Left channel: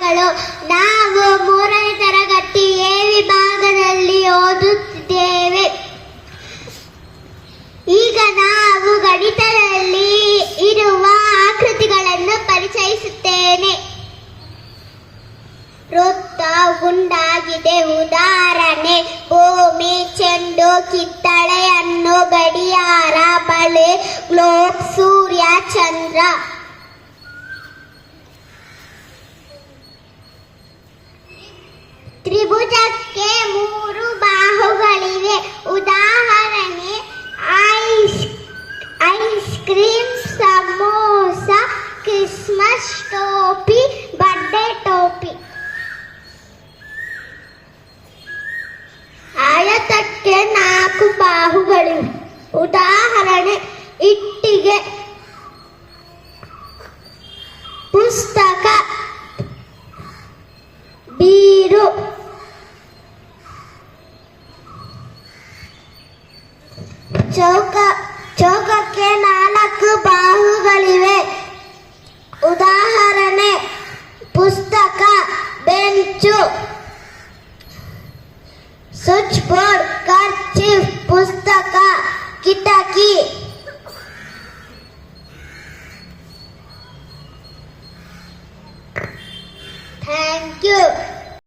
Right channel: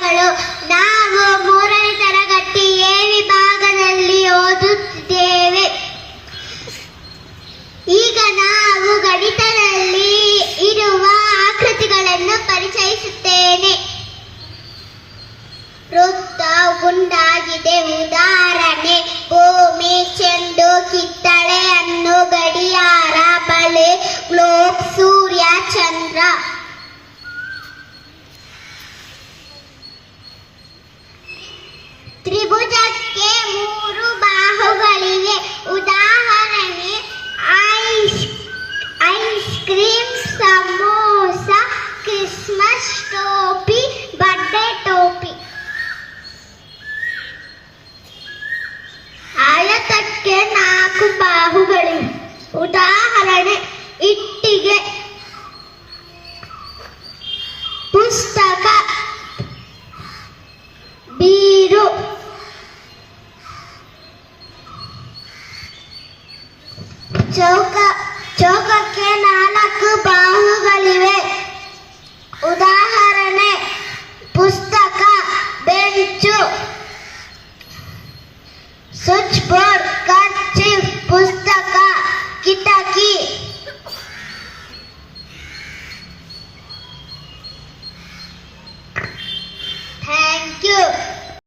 ನಾವು 3ನೇ ತರಗತಿ ಎ ವಿಭಾಗದಲ್ಲಿ ಓದುತ್ತಿದ್ದೇವೆ. ಈಗ ನಾವು ಗಣಿತದಲ್ಲಿ ಇರುವ ಆಕೃತಿಗಳನ್ನು ಪರಿಚಯಿಸುತ್ತೇನೆ. ವೃತ್ತ ಗುಂಡಾಗಿದೆ. ಉದಾಹರಣೆ: ಭೂಮಿ, ಚೆಂಡು, ಕಿತ್ತಳೆ ಹಣ್ಣು, ಗಡಿಯಾರ, ಬಳೆ, ಗ್ಲೋಬ್, ಸೂರ್ಯ, ಚಂದ್ರ. ತ್ರಿಭುಜಕ್ಕೆ 3 ಬಾಹುಗಳಿವೆ. ಉದಾಹರಣೆ: ಐಸ್ ಕ್ರೀಮ್, ಸಮೋಸ, ಕ್ರಿಸ್ಮಸ್ ಟೋಪಿ, ಬರ್ತ್ಡೇ ಟೋಪಿ. ಆಯತಕ್ಕೆ 4 ಬಾಹುಗಳಿವೆ. ಉದಾಹರಣೆ: ಇಟ್ಟಿಗೆ, ಪುಸ್ತಕ, ಬೀರು. ಚೌಕಕ್ಕೆ 4 ಬಾಹುಗಳಿವೆ. ಉದಾಹರಣೆ: ಪುಸ್ತಕ, ಬೆಂಚು,